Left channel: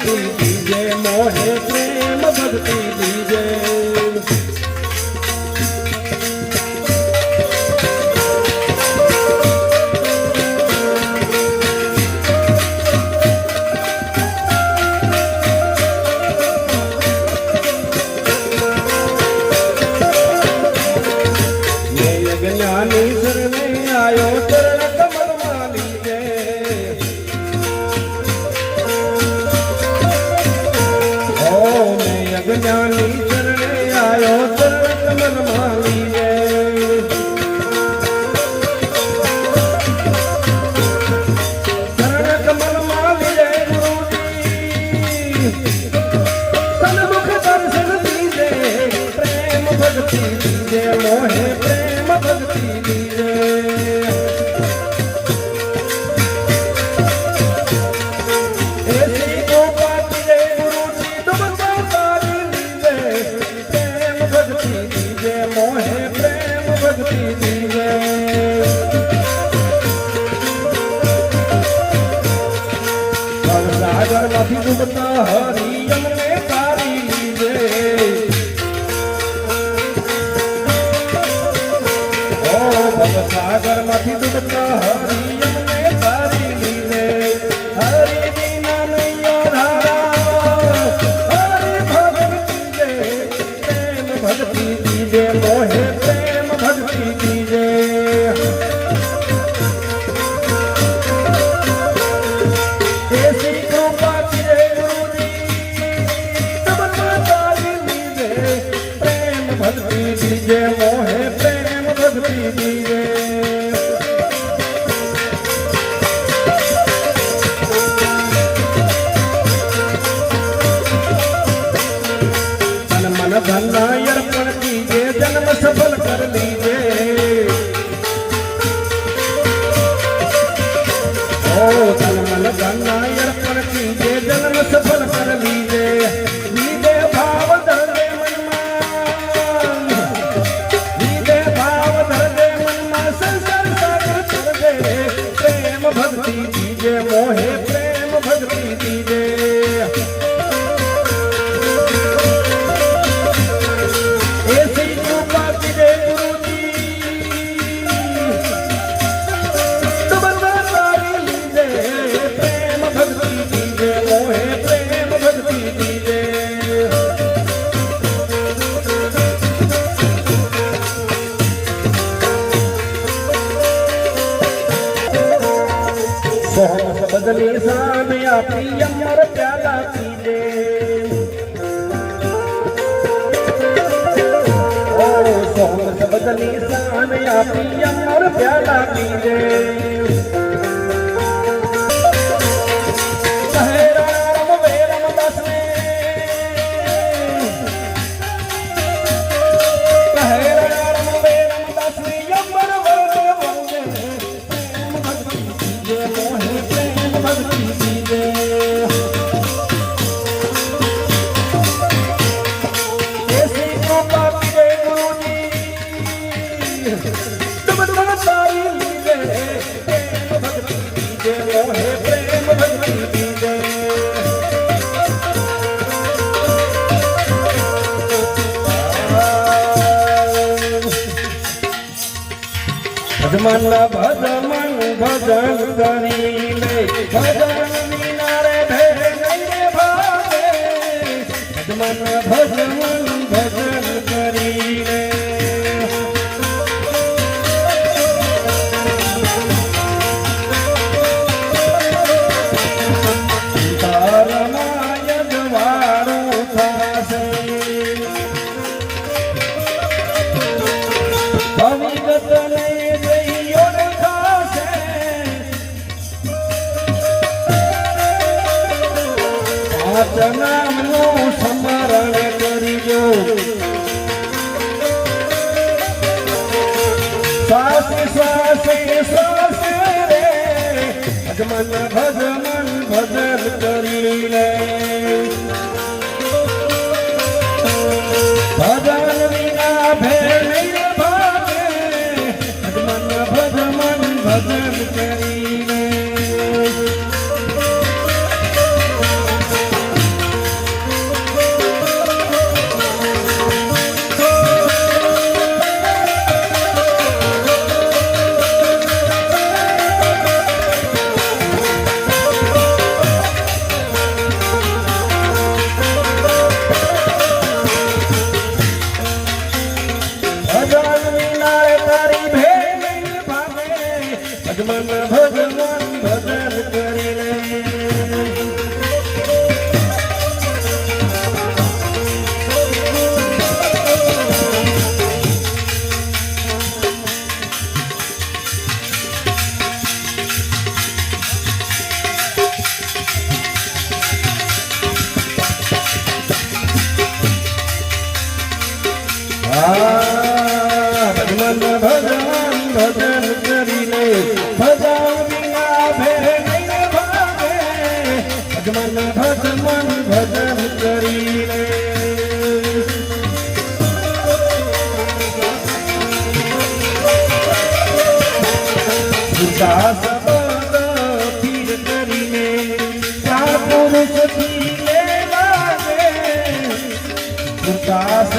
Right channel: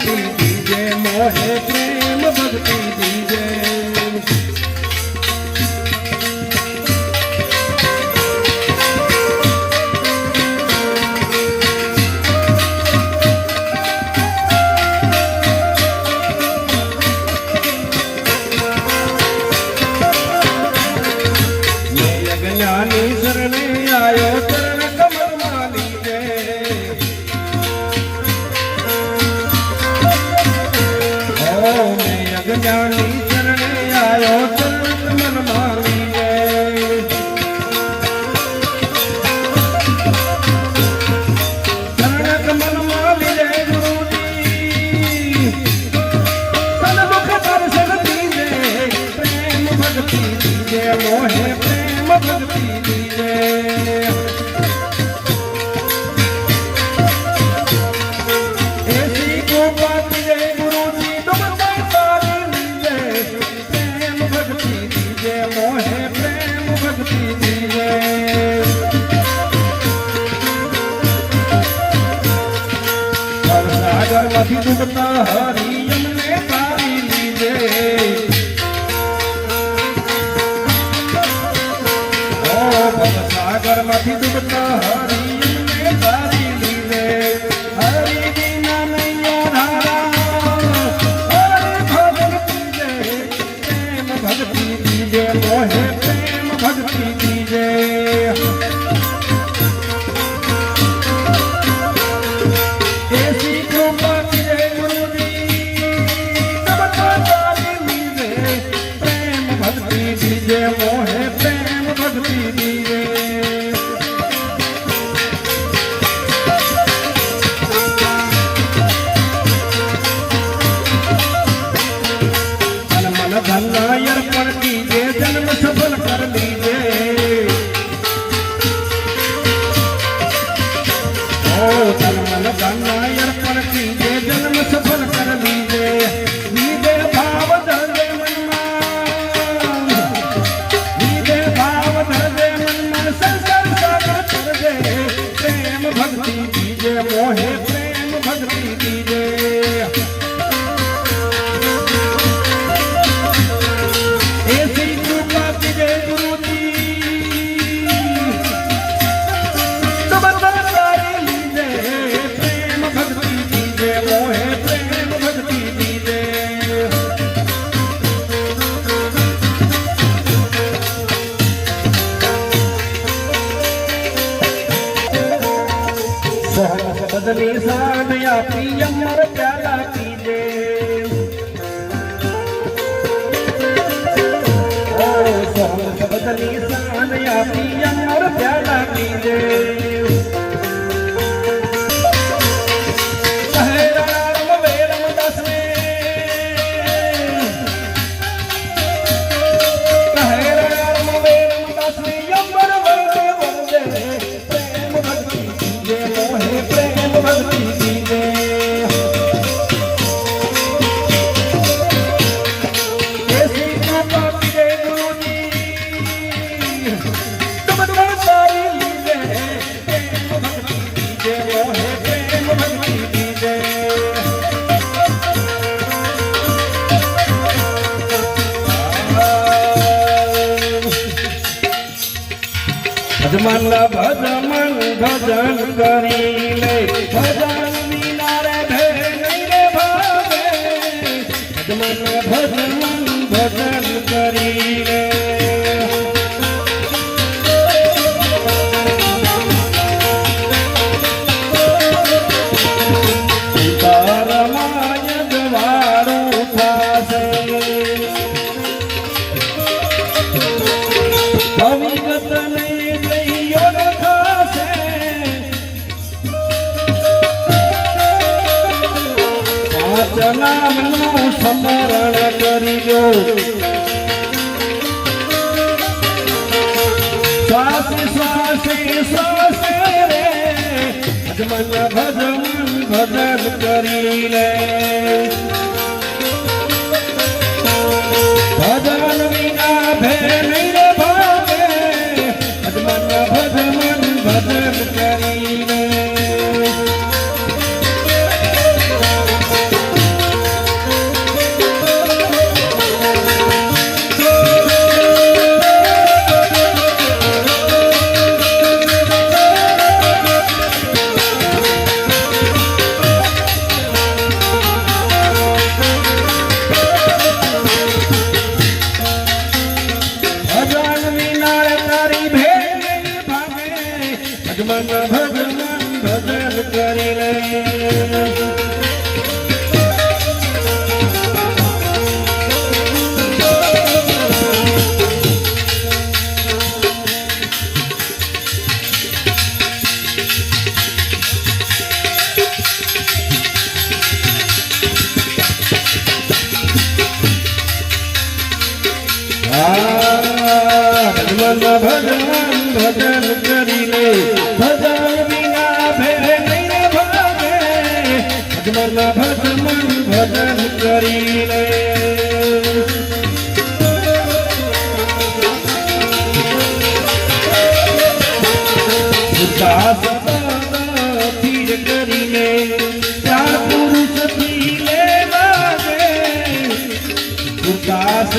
भक्ति दीजे मोहे प्रेम भक्ति दीजे ज्ञानी शरणे आयो चरण कमल माली ज्ञानी चरणे आयो चरण कमल माली चरण कमल माली गुरु जी तन दुख दर्शन दीजे प्रेम भक्ति दीजे मोहे प्रेम भक्ति दीजे ऐसी गोपाल जय गुरु जी तुम मोहे प्रेम भक्ति दीजे सागर मधि डूबता हरि यमुने तारी लीजे ओ सागर मधि डूबता हरि यमुने तारी लीजे हरि बिना मैया धारा हरि भक्ति दे प्रेम भक्ति दीजे मोहे प्रेम भक्ति दीजे ऐसी कृपा कीजे गुरु जी तब तो पावी लीजे प्रेम भक्ति दीजे मोहे प्रेम भक्ति दीजे मन धन अर्पण कीजे जन्म सफल कर लीजे ओ तन मन धन अर्पण कीजे जन्म सफल कर लीजे लीजे भाव धरदे लीजे भाव धरदे मन संसार सागर कर दे प्रेम भक्ति दीजे मोहे प्रेम भक्ति दीजे ऐसी कृपा कीजे गुरु जी तुम तारी लीजे प्रेम भक्ति दीजे मोहे प्रेम भक्ति दीजे सोहम बदली सान आपी अमर प्याला कीजे सोहम बदली सान आपी अमर प्याला कीजे कहे राम वेरम दास ने कहे राम वेरम दास ने अमर वरदे वरदे प्रेम भक्ति दीजे मोहे प्रेम भक्ति दीजे ऐसी कृपा कीजे गुरु जी तुम सारी लीजे प्रेम भक्ति दीजे मोहे प्रेम भक्ति दीजे भजमन भजमन भजन करी ले भजन मीनारे भेर नहीं रे भावे भजमन भजमन भजन करी ले નામનું સ્મરણ કરીજો શ્વાસે શ્વાસે શ્વાસે રે ભજમન ભજમન ભજન કરી રે ભજન વિના ભેર નહીં રે ભાવે ભજમન ભજમન ભજન કરી રે ભજમન ભજન કરી લે ભજન કરી લે ભજન વિના ભેરે ભાગે ભજન કરી લે ઉદાસ સ્થિર કરીને પુરુષ થી લે લાગે ઉદાસ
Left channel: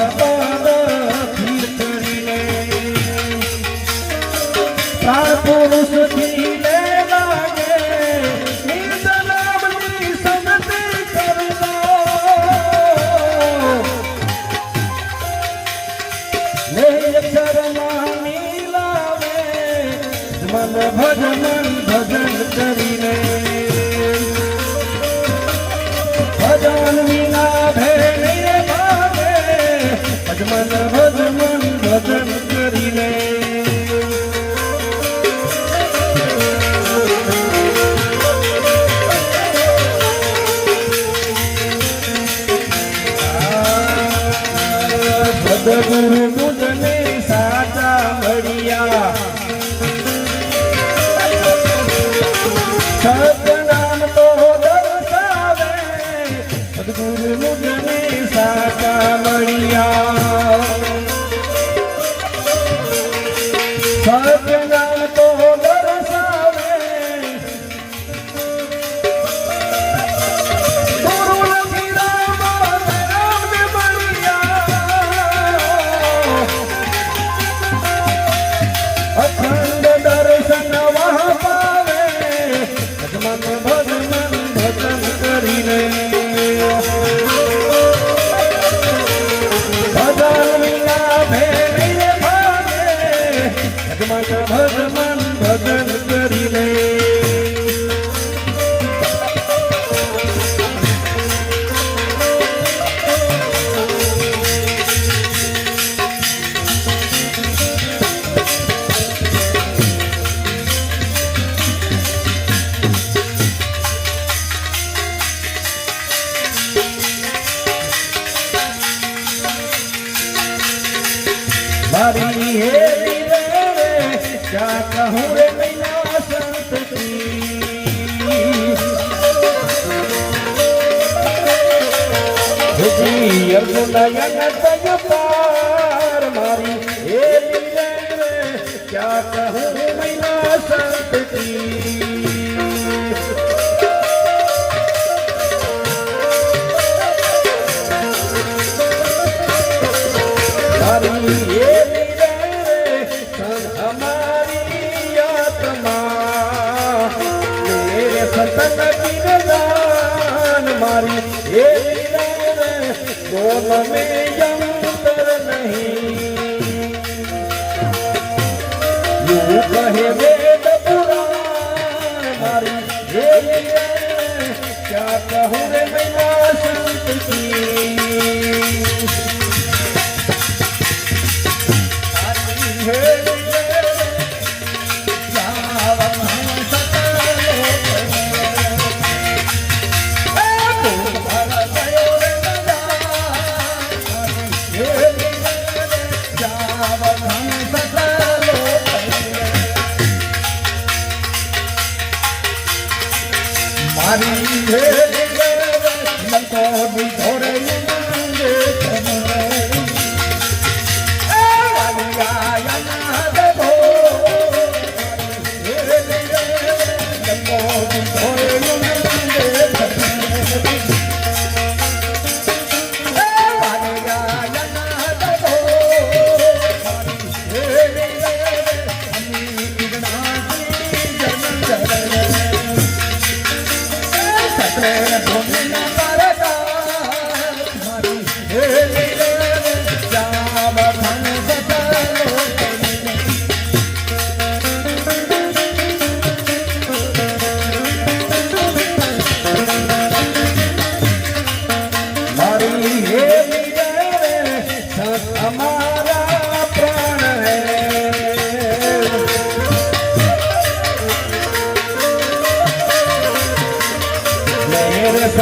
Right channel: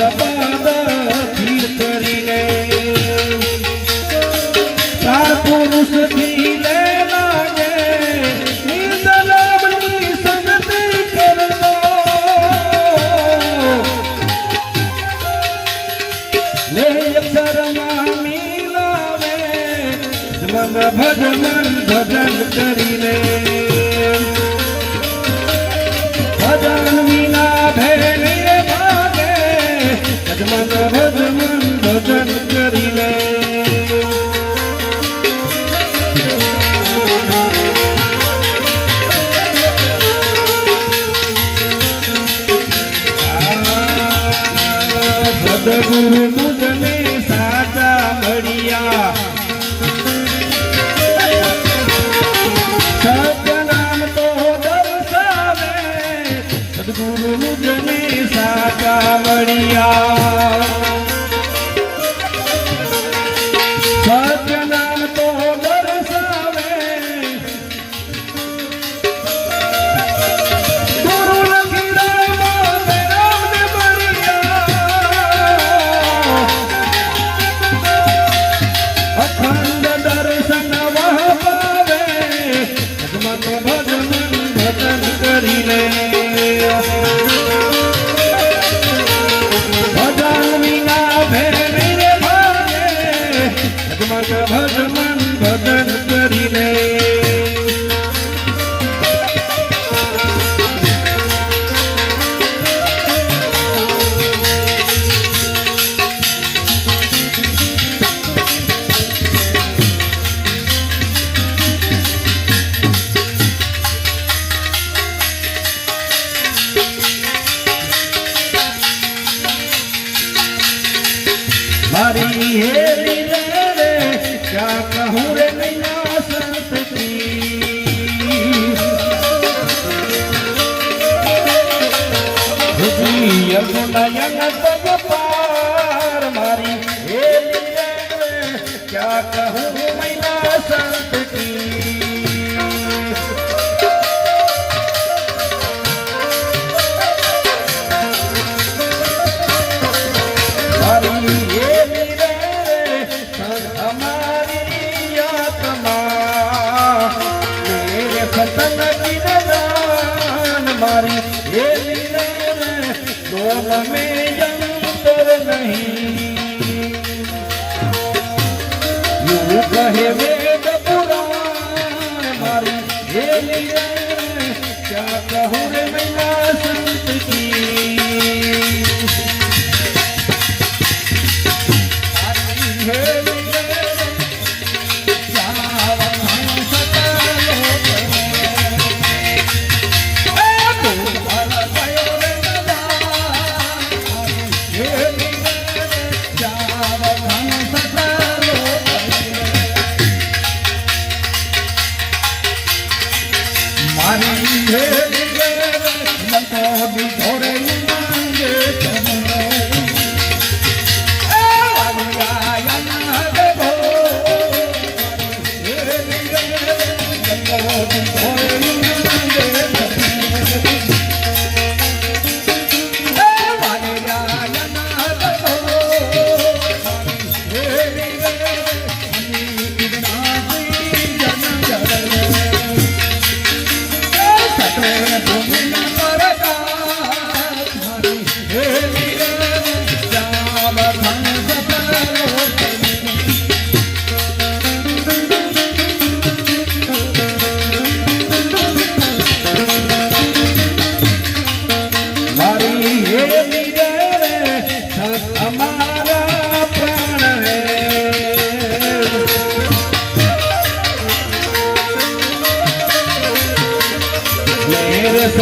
પુરુષ થી લે લાગે નિંદલામની સંગતિ કરલો લે શરમા મિલાવે મન ભજન કરી લે ભજન વિના ભેલે ભાગે ભજન કરી લે સદગુરુ મુજને સાચા મળ્યા સત્યનામ તો દર્શાવે સદગુરુ મુજને સાચા મળ્યા સત્યનામ તો દર્શાવે અખંડ દર્શન વહાવે ભજન કરી લે ભજન વિના ભેરે ભાગે ભજન કરી લે મારી હેરી રે ક્યાં કહું રે નૈયા સંત કી અર્જુનયન પગ પાર મારી હેરી રે ક્યાં કહું રે નૈયા સંત કી મારી સતન વિનદાન મારી હે દોન મેં અંતર નહીં યુ કહે વેદ પુરાણ મારી હે ક્યા કહું રે મૈયા સંત કી મારી હે મન તો દિધોરે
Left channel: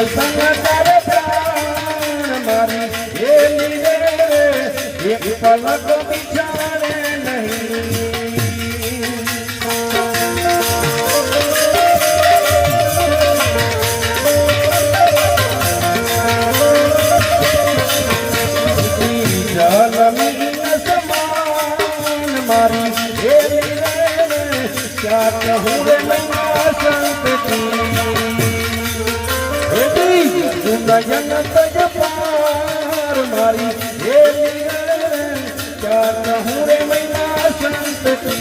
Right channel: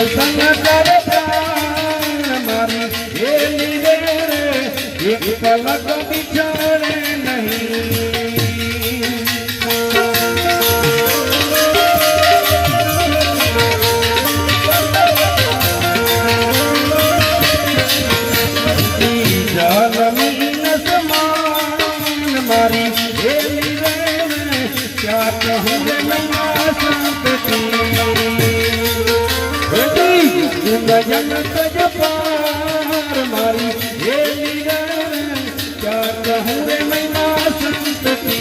સત્સંગ કરે પ્રાણ મારી હેલી રે એક પલક બિચારે નહીં મારી હેલી રે ક્યાં કહું રે મૈયા સંતતિ જન તજપાર મારી હેલી રે ક્યાં કહું રે મૈયા સંતતિ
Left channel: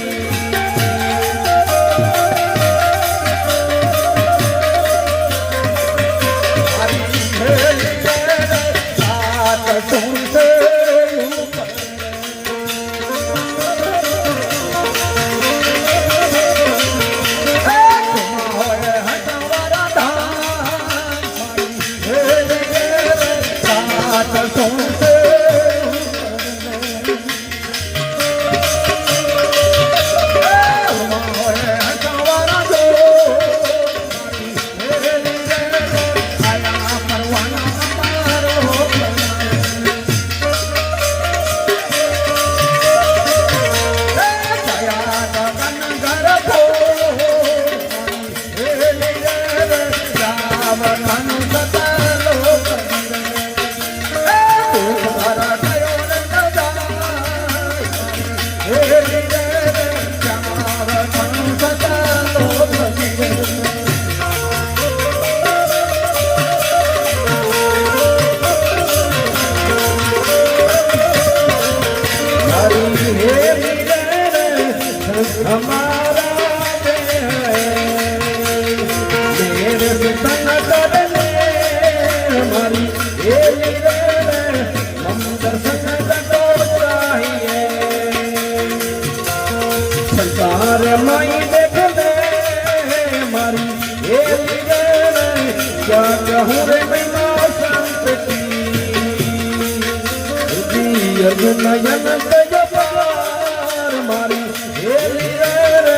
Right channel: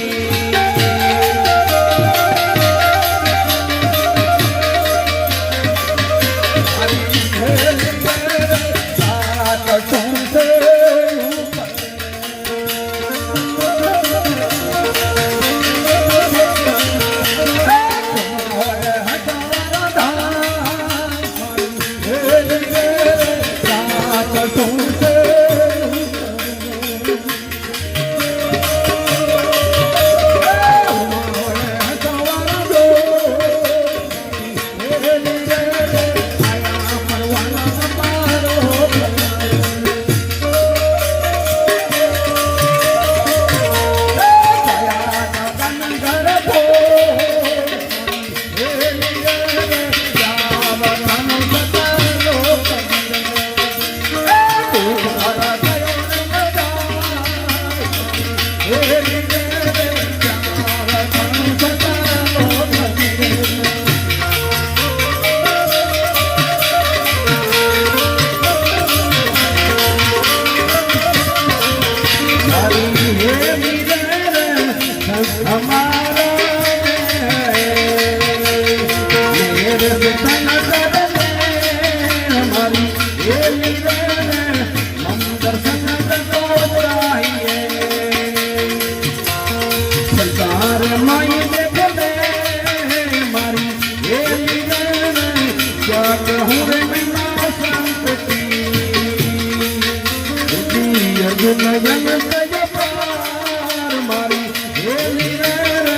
મારી હેલી રે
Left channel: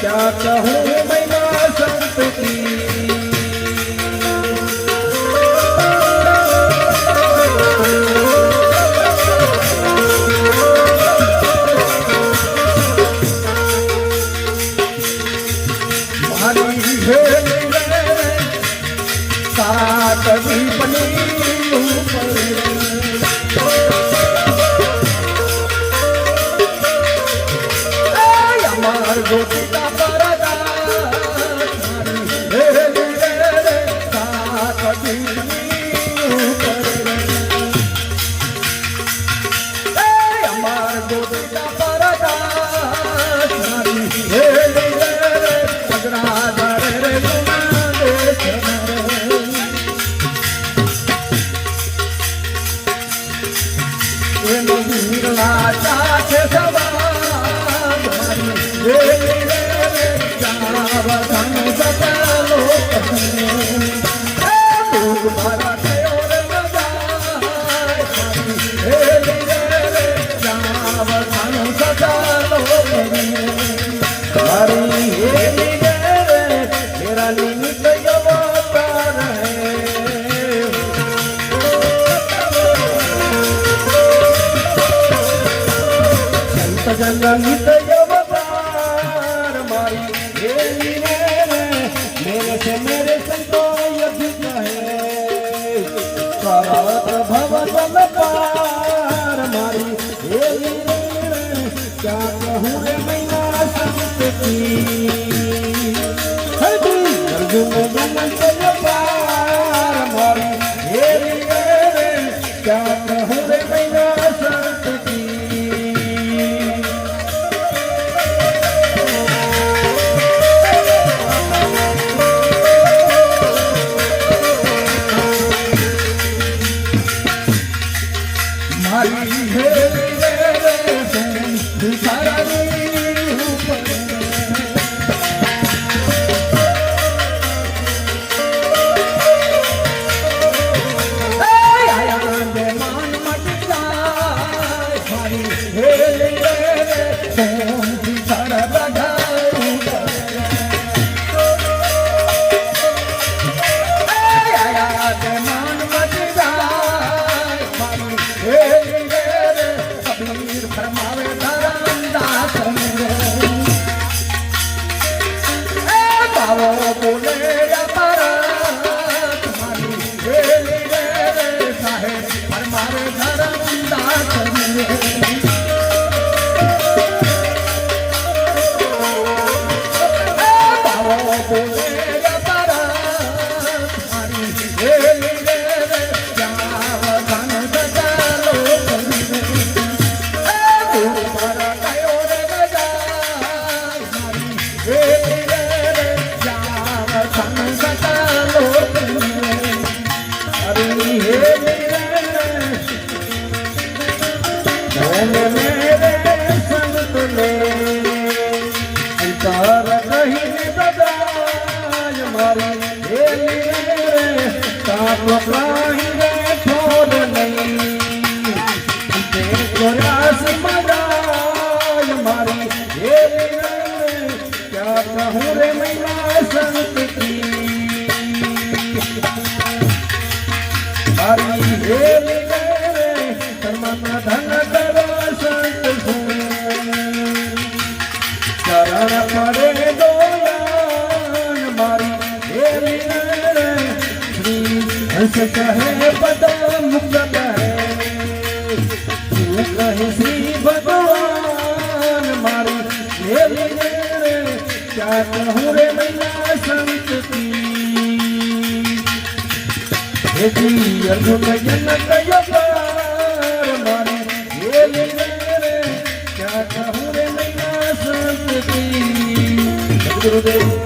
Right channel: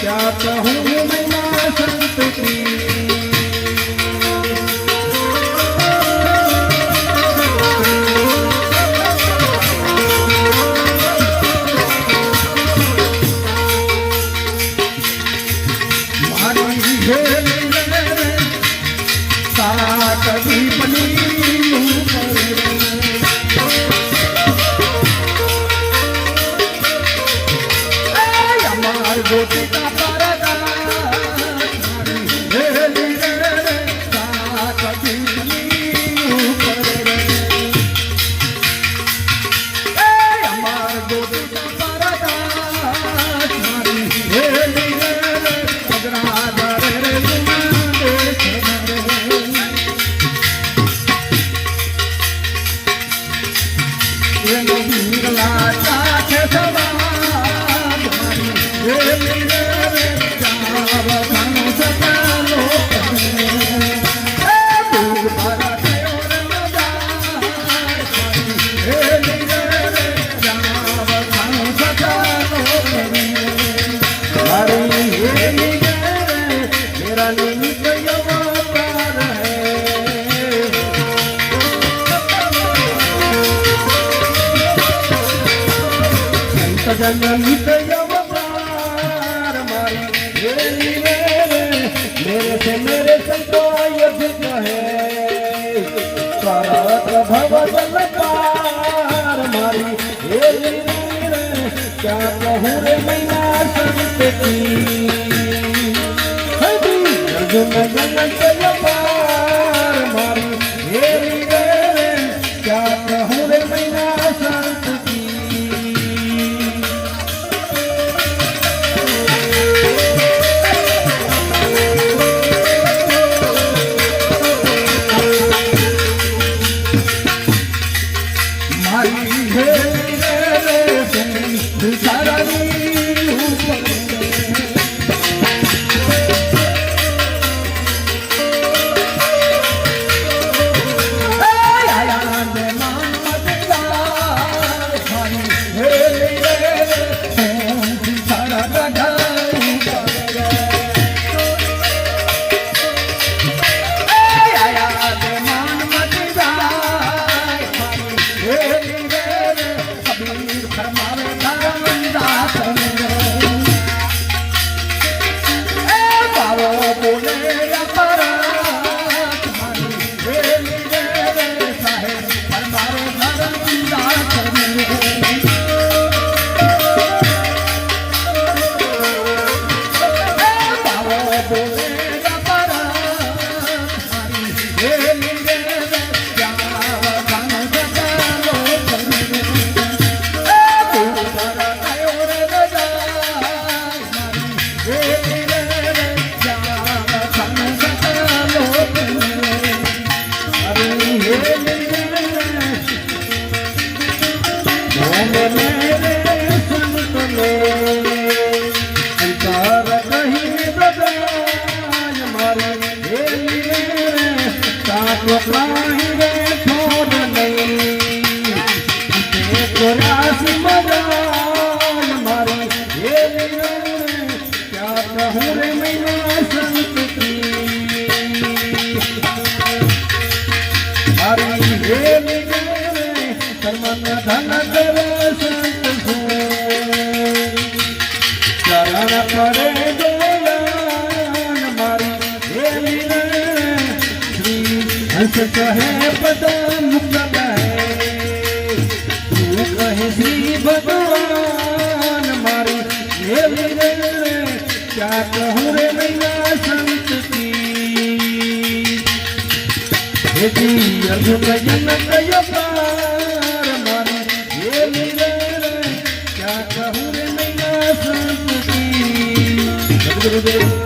ક્યાં કહું મૈયા સંતતિ મારી હેલી રે સાત દીપની ગોપિકા પરદા હેલી રે સાકટીની અમાર ગોપિકા પરદા હેલી રે અગ્રાધર રે નીરલા ચાખે સવા मेरे से मेरे संतो अधिक है करत भगवत पार मारी हेली रे क्या कहूँ रे मैया संतति अर्जुन जन पार मारी हेली रे क्या कहूँ रे मैया संतति हे क्या कहूँ रे मैया संत की हरी हे धर्म धन करा संत चरण करे दोलन मारी हे श्री हंस कहे पद मुक्त तू कहे श्री भगवान मारी हे क्या कहूँ रे मैया संत की हे जी अर्जुन जन कय पार मारी हे क्या कहूँ रे मैया संत की। गुरुदेव